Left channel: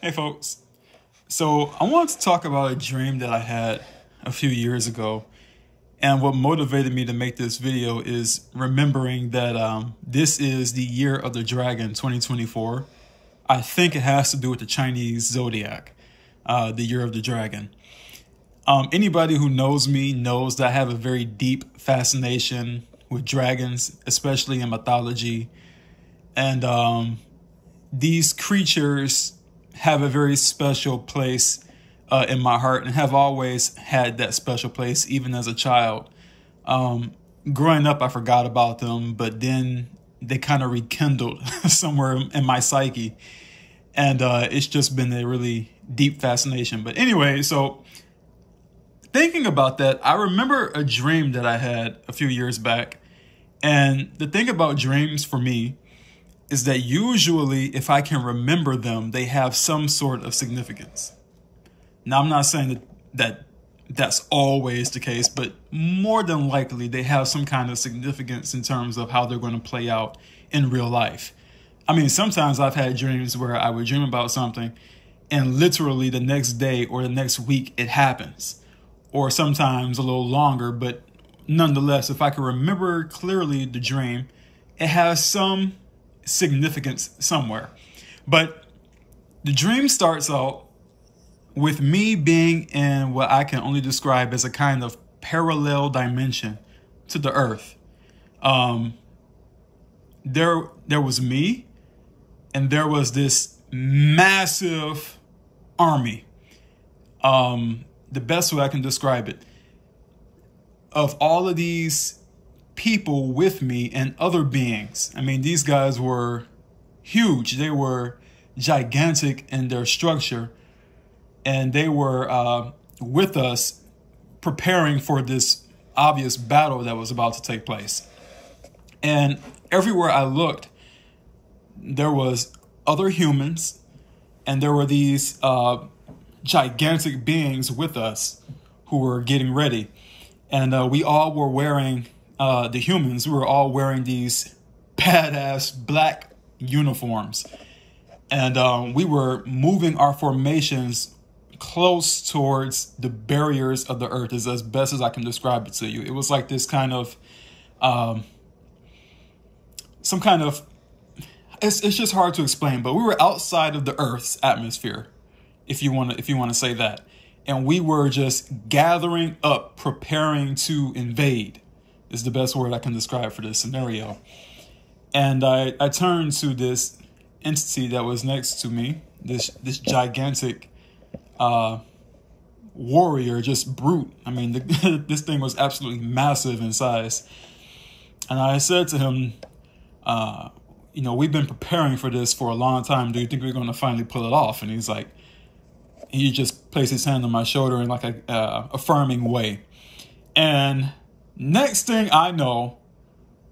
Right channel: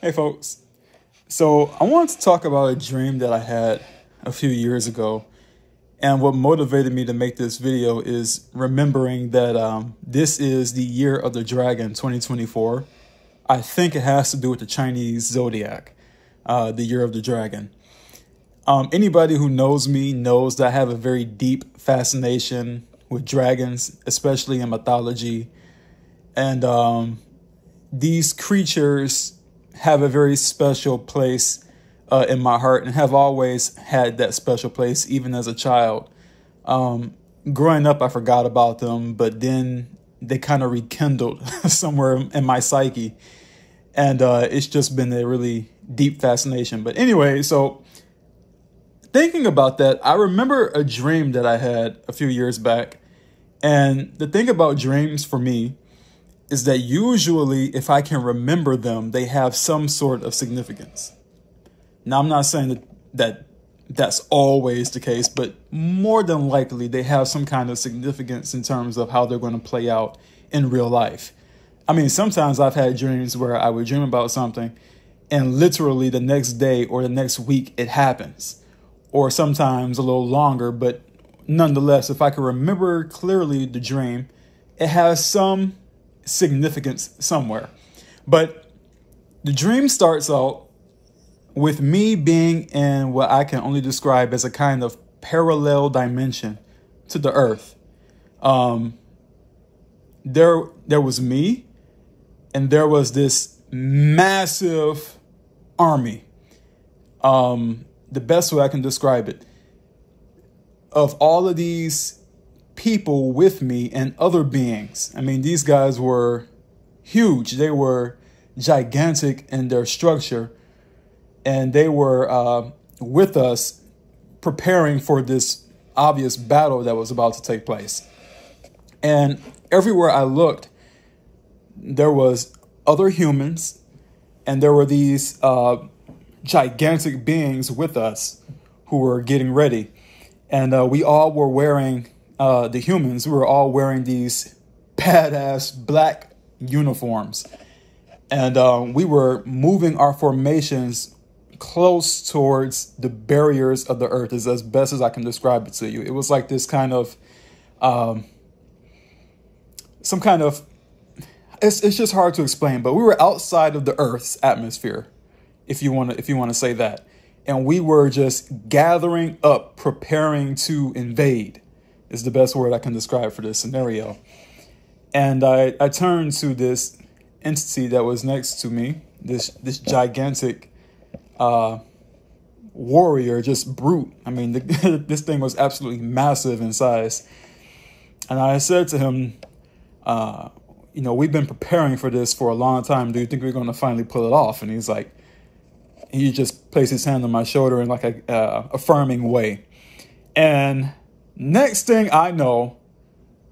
Hey folks. So I wanted to talk about a dream that I had a few years ago. And what motivated me to make this video is remembering that this is the year of the dragon 2024. I think it has to do with the Chinese zodiac, the year of the dragon. Anybody who knows me knows that I have a very deep fascination with dragons, especially in mythology. And these creatures have a very special place in my heart and have always had that special place, even as a child. Growing up, I forgot about them, but then they kind of rekindled somewhere in my psyche. And it's just been a really deep fascination. But anyway, so thinking about that, I remember a dream that I had a few years back. And the thing about dreams for me is that usually if I can remember them, they have some sort of significance. Now, I'm not saying that that's always the case, but more than likely they have some kind of significance in terms of how they're going to play out in real life. I mean, sometimes I've had dreams where I would dream about something and literally the next day or the next week it happens, or sometimes a little longer. But nonetheless, if I can remember clearly the dream, it has some significance somewhere. But the dream starts out with me being in what I can only describe as a kind of parallel dimension to the earth. There was me, and there was this massive army. The best way I can describe it, of all of these people with me and other beings. I mean, these guys were huge. They were gigantic in their structure, and they were with us preparing for this obvious battle that was about to take place. And everywhere I looked, there was other humans, and there were these gigantic beings with us who were getting ready. And we all were wearing, the humans, we were all wearing these badass black uniforms. And we were moving our formations close towards the barriers of the earth, is as best as I can describe it to you. It was like this kind of, some kind of, it's just hard to explain, but we were outside of the earth's atmosphere, if you want to say that. And we were just gathering up, preparing to invade, is the best word I can describe for this scenario. And I turned to this entity that was next to me, this gigantic warrior, just brute. I mean, this thing was absolutely massive in size. And I said to him, you know, we've been preparing for this for a long time. Do you think we're going to finally pull it off? And he's like, he just placed his hand on my shoulder in like a affirming way. And next thing I know,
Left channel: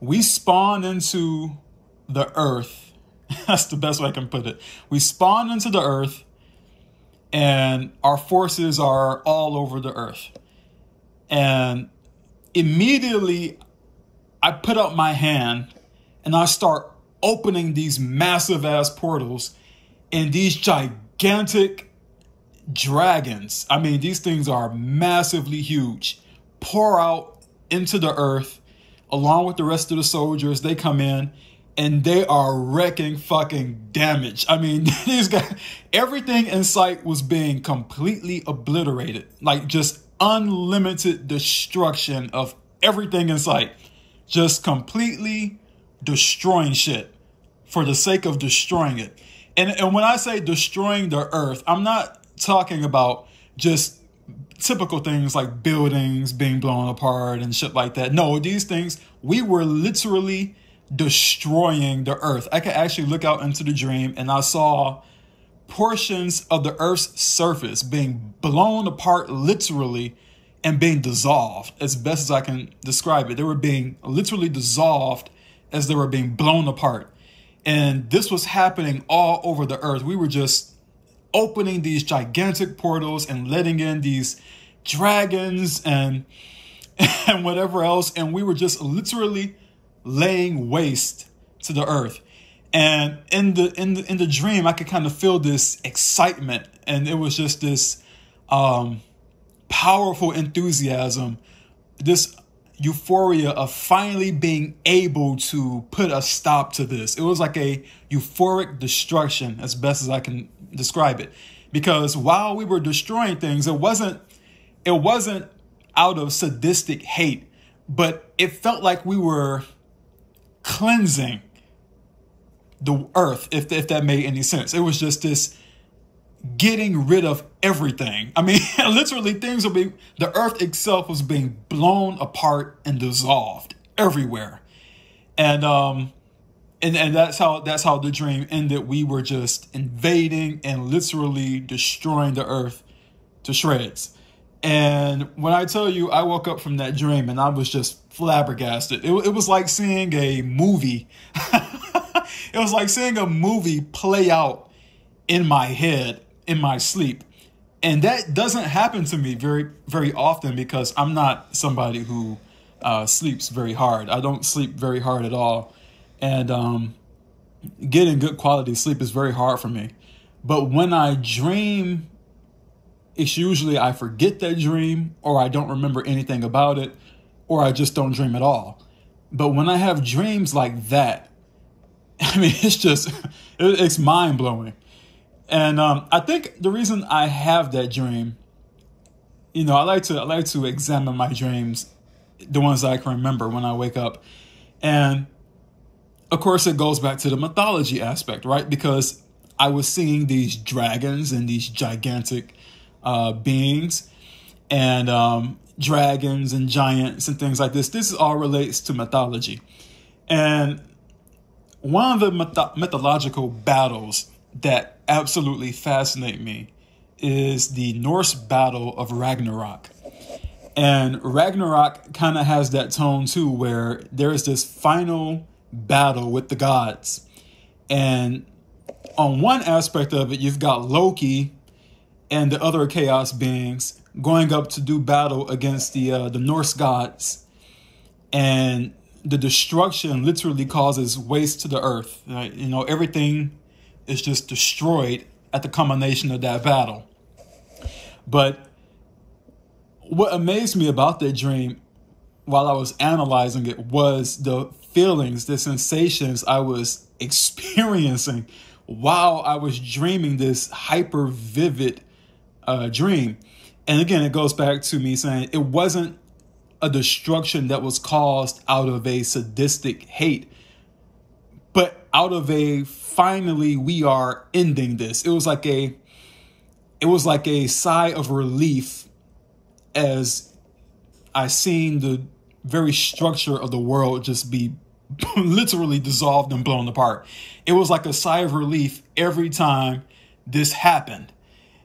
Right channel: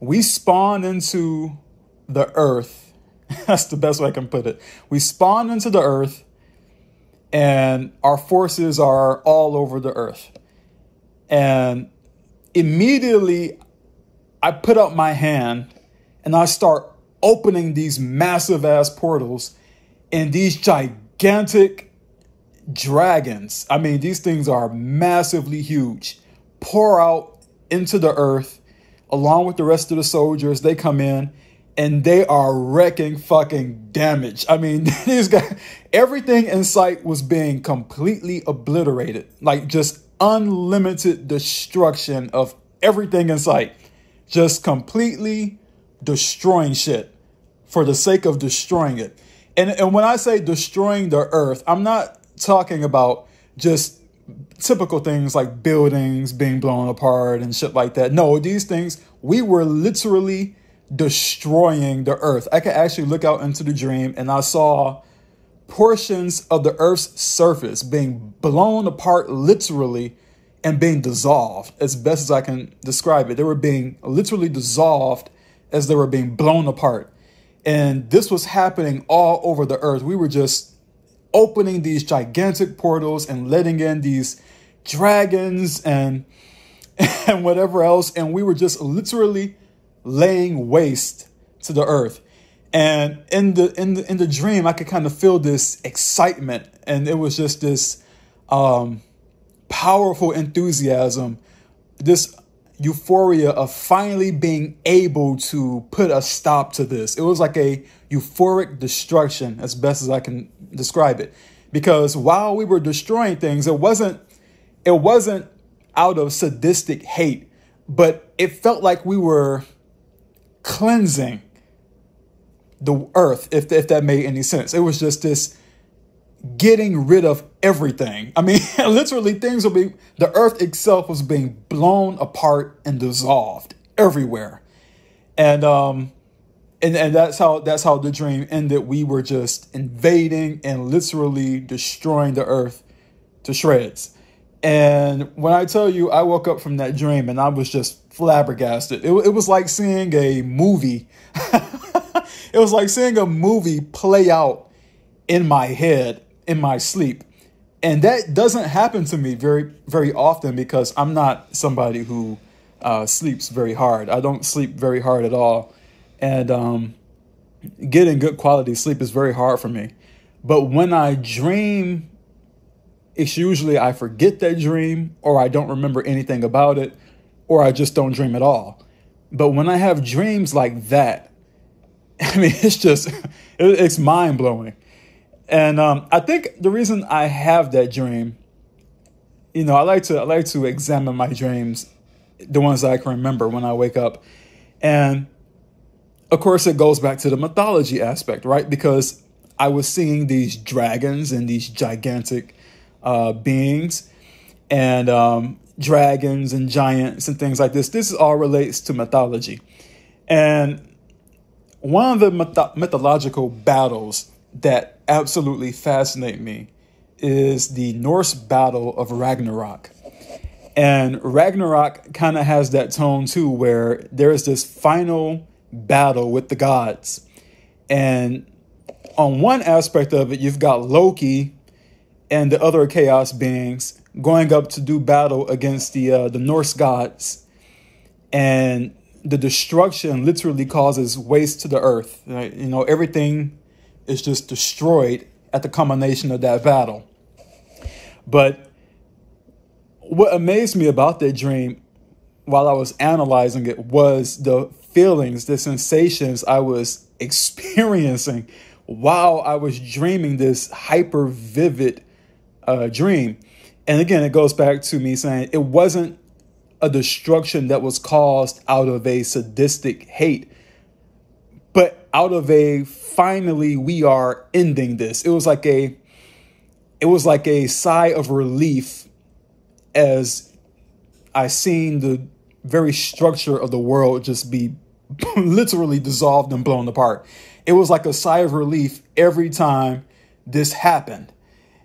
we spawned into the earth. That's the best way I can put it. We spawned into the earth, and our forces are all over the earth. And immediately I put up my hand and I start opening these massive ass portals, and these gigantic dragons, I mean, these things are massively huge, pour out into the earth along with the rest of the soldiers. They come in and they are wrecking fucking damage. I mean, these guys, everything in sight was being completely obliterated, like just unlimited destruction of everything in sight, just completely destroying shit for the sake of destroying it. And when I say destroying the earth, I'm not talking about just typical things like buildings being blown apart and shit like that. No, these things, we were literally destroying the earth. I could actually look out into the dream and I saw portions of the earth's surface being blown apart literally and being dissolved, as best as I can describe it. They were being literally dissolved as they were being blown apart. And this was happening all over the earth. We were just opening these gigantic portals and letting in these dragons and whatever else. And we were just literally laying waste to the earth. And in the dream, I could kind of feel this excitement, and it was just this powerful enthusiasm, this euphoria of finally being able to put a stop to this. It was like a euphoric destruction, as best as I can describe it, because while we were destroying things, it wasn't out of sadistic hate, but it felt like we were cleansing the earth, if that made any sense. It was just this getting rid of everything. I mean, literally the earth itself was being blown apart and dissolved everywhere. And that's how the dream ended. We were just invading and literally destroying the earth to shreds. And when I tell you, I woke up from that dream and I was just flabbergasted. It was like seeing a movie. It was like seeing a movie play out in my head, in my sleep. And that doesn't happen to me very, very often, because I'm not somebody who sleeps very hard. I don't sleep very hard at all. And getting good quality sleep is very hard for me. But when I dream, it's usually I forget that dream, or I don't remember anything about it, or I just don't dream at all. But when I have dreams like that, I mean, it's mind blowing. And I think the reason I have that dream, I like to examine my dreams, the ones that I can remember when I wake up. And of course, it goes back to the mythology aspect, right? Because I was seeing these dragons and these gigantic beings, and dragons and giants and things like this. This all relates to mythology. And one of the mythological battles that absolutely fascinate me is the Norse battle of Ragnarok. And Ragnarok kind of has that tone too, where there's this final battle with the gods. And on one aspect of it, you've got Loki and the other chaos beings going up to do battle against the Norse gods. And the destruction literally causes waste to the earth. Everything is just destroyed at the culmination of that battle. But what amazed me about that dream while I was analyzing it was the feelings, the sensations I was experiencing while I was dreaming this hyper vivid dream. And again, it goes back to me saying it wasn't a destruction that was caused out of a sadistic hate, but out of a finally we are ending this. It was like a sigh of relief as I seen the very structure of the world just be literally dissolved and blown apart. It was like a sigh of relief every time this happened.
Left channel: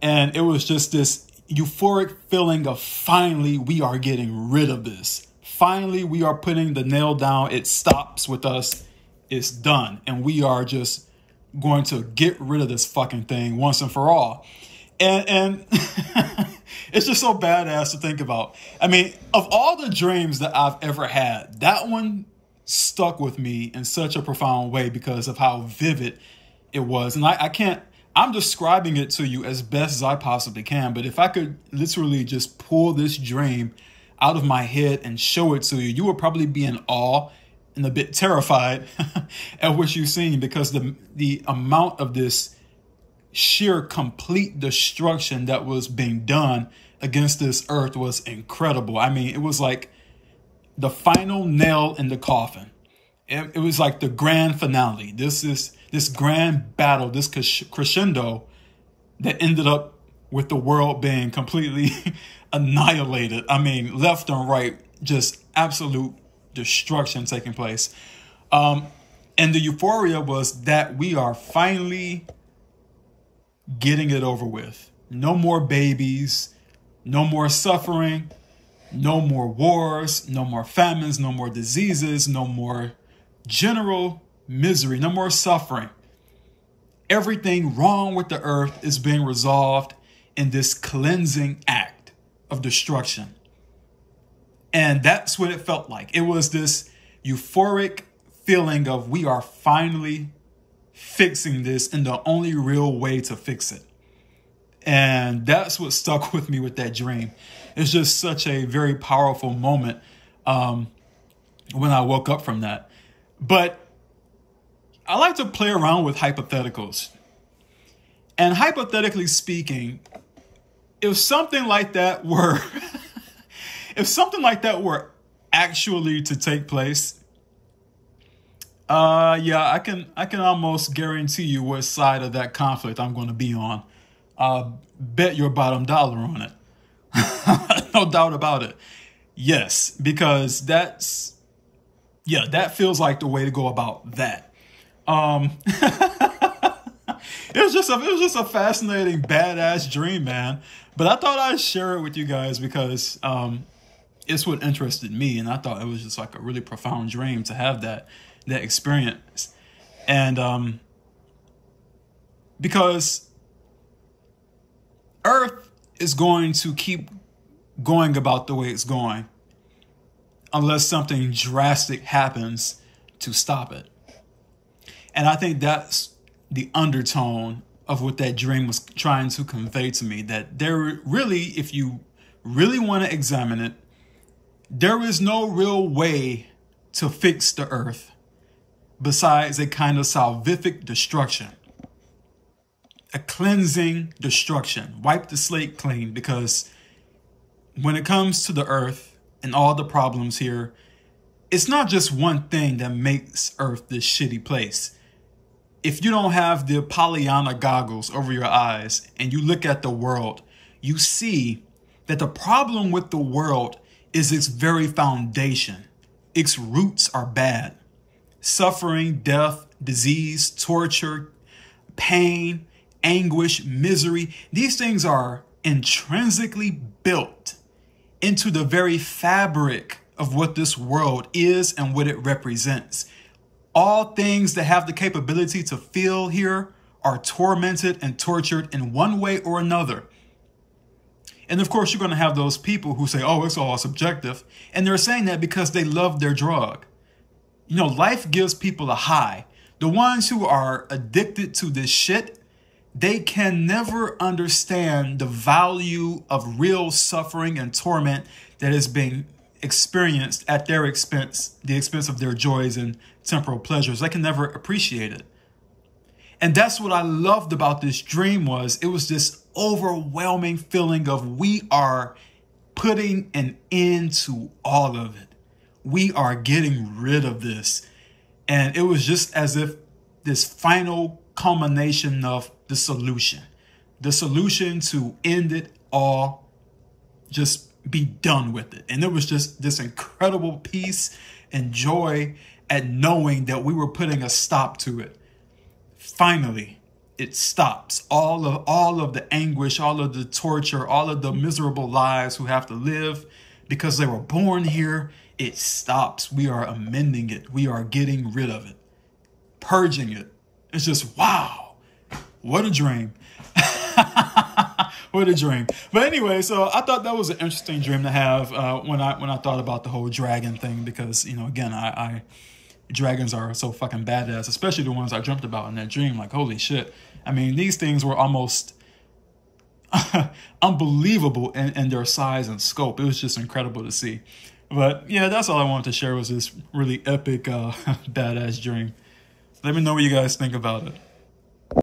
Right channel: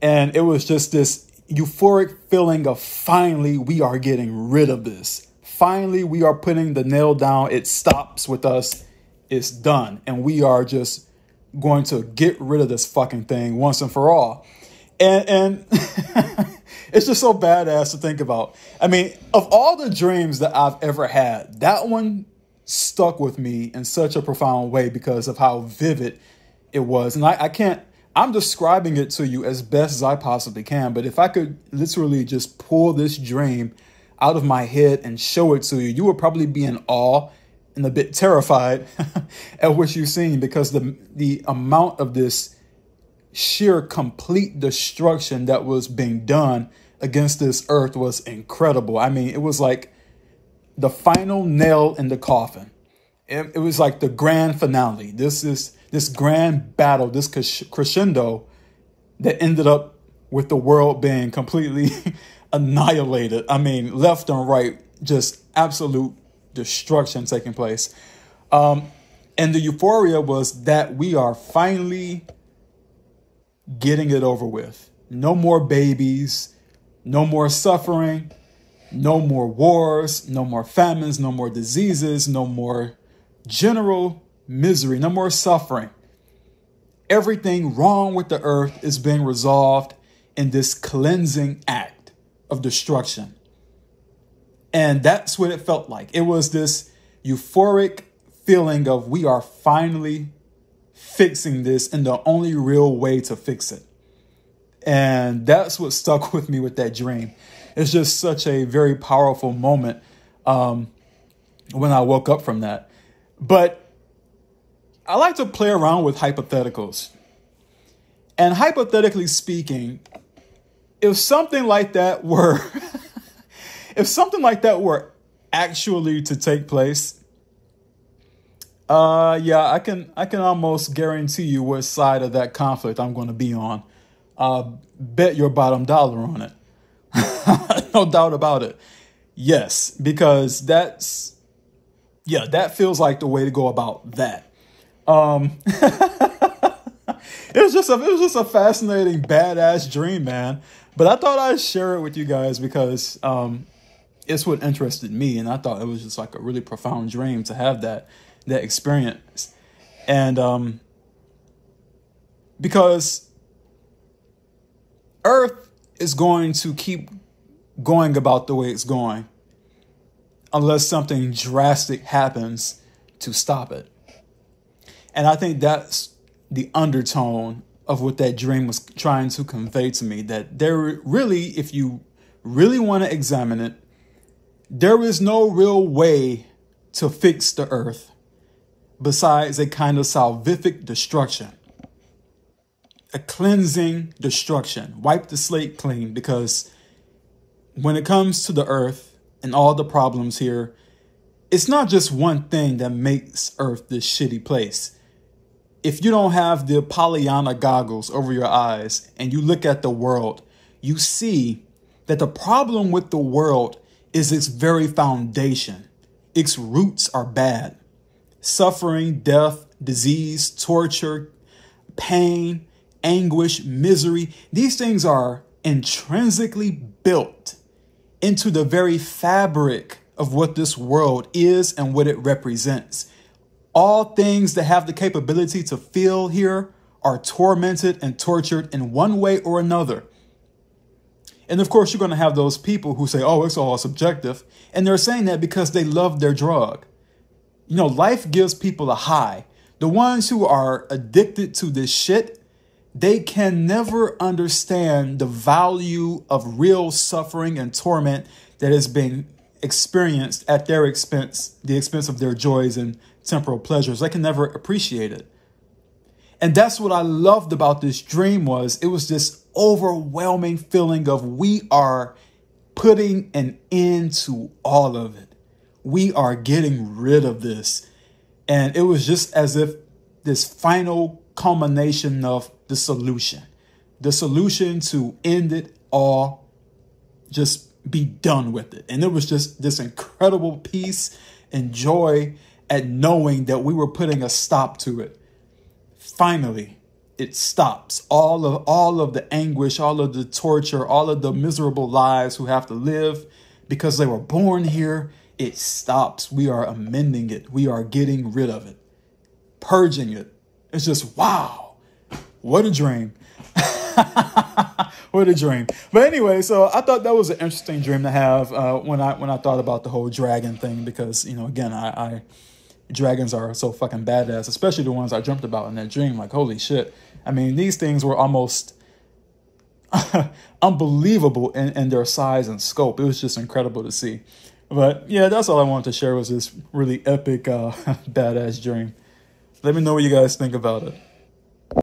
And it was just this euphoric feeling of finally we are getting rid of this. Finally, we are putting the nail down. It stops with us. It's done. And we are just going to get rid of this fucking thing once and for all. And it's just so badass to think about. I mean, of all the dreams that I've ever had, that one stuck with me in such a profound way because of how vivid it was. And I'm describing it to you as best as I possibly can. But if I could literally just pull this dream out of my head and show it to you, you would probably be in awe and a bit terrified at what you've seen, because the amount of this sheer complete destruction that was being done against this earth was incredible. I mean, it was like the final nail in the coffin. It was like the grand finale. This grand battle, this crescendo that ended up with the world being completely annihilated. I mean, left and right, just absolute destruction taking place. And the euphoria was that we are finally getting it over with. No more babies, no more suffering, no more wars, no more famines, no more diseases, no more general misery, no more suffering. Everything wrong with the earth is being resolved in this cleansing act of destruction. And that's what it felt like. It was this euphoric feeling of we are finally fixing this in the only real way to fix it. And that's what stuck with me with that dream. It's just such a very powerful moment when I woke up from that. But I like to play around with hypotheticals. And hypothetically speaking, if something like that were actually to take place, yeah, I can almost guarantee you what side of that conflict I'm going to be on. Bet your bottom dollar on it. No doubt about it. Yes, because that feels like the way to go about that. It was just a fascinating, badass dream, man. But I thought I'd share it with you guys because it's what interested me, and I thought it was just like a really profound dream to have that experience. And because Earth is going to keep going about the way it's going unless something drastic happens to stop it. And I think that's the undertone of what that dream was trying to convey to me, that there really, if you really want to examine it, there is no real way to fix the earth besides a kind of salvific destruction, a cleansing destruction. Wipe the slate clean, because when it comes to the earth and all the problems here, it's not just one thing that makes Earth this shitty place. If you don't have the Pollyanna goggles over your eyes and you look at the world, you see that the problem with the world is its very foundation. Its roots are bad. Suffering, death, disease, torture, pain, anguish, misery. These things are intrinsically built into the very fabric of what this world is and what it represents. All things that have the capability to feel here are tormented and tortured in one way or another. And of course, you're going to have those people who say, oh, it's all subjective. And they're saying that because they love their drug. You know, life gives people a high. The ones who are addicted to this shit, they can never understand the value of real suffering and torment that is being experienced at their expense, the expense of their joys and temporal pleasures. They can never appreciate it. And that's what I loved about this dream. Was it was this overwhelming feeling of we are putting an end to all of it. We are getting rid of this. And it was just as if this final culmination of the solution to end it all, just be done with it. And it was just this incredible peace and joy at knowing that we were putting a stop to it. Finally, it stops. All of the anguish, all of the torture, all of the miserable lives who have to live because they were born here. It stops. We are amending it. We are getting rid of it, purging it. It's just, wow, what a dream. What a dream. But anyway, so I thought that was an interesting dream to have when I thought about the whole dragon thing, because, you know, again, dragons are so fucking badass, especially the ones I dreamt about in that dream. Like, holy shit. I mean, these things were almost unbelievable in their size and scope. It was just incredible to see. But yeah, that's all I wanted to share, was this really epic, badass dream. Let me know what you guys think about it.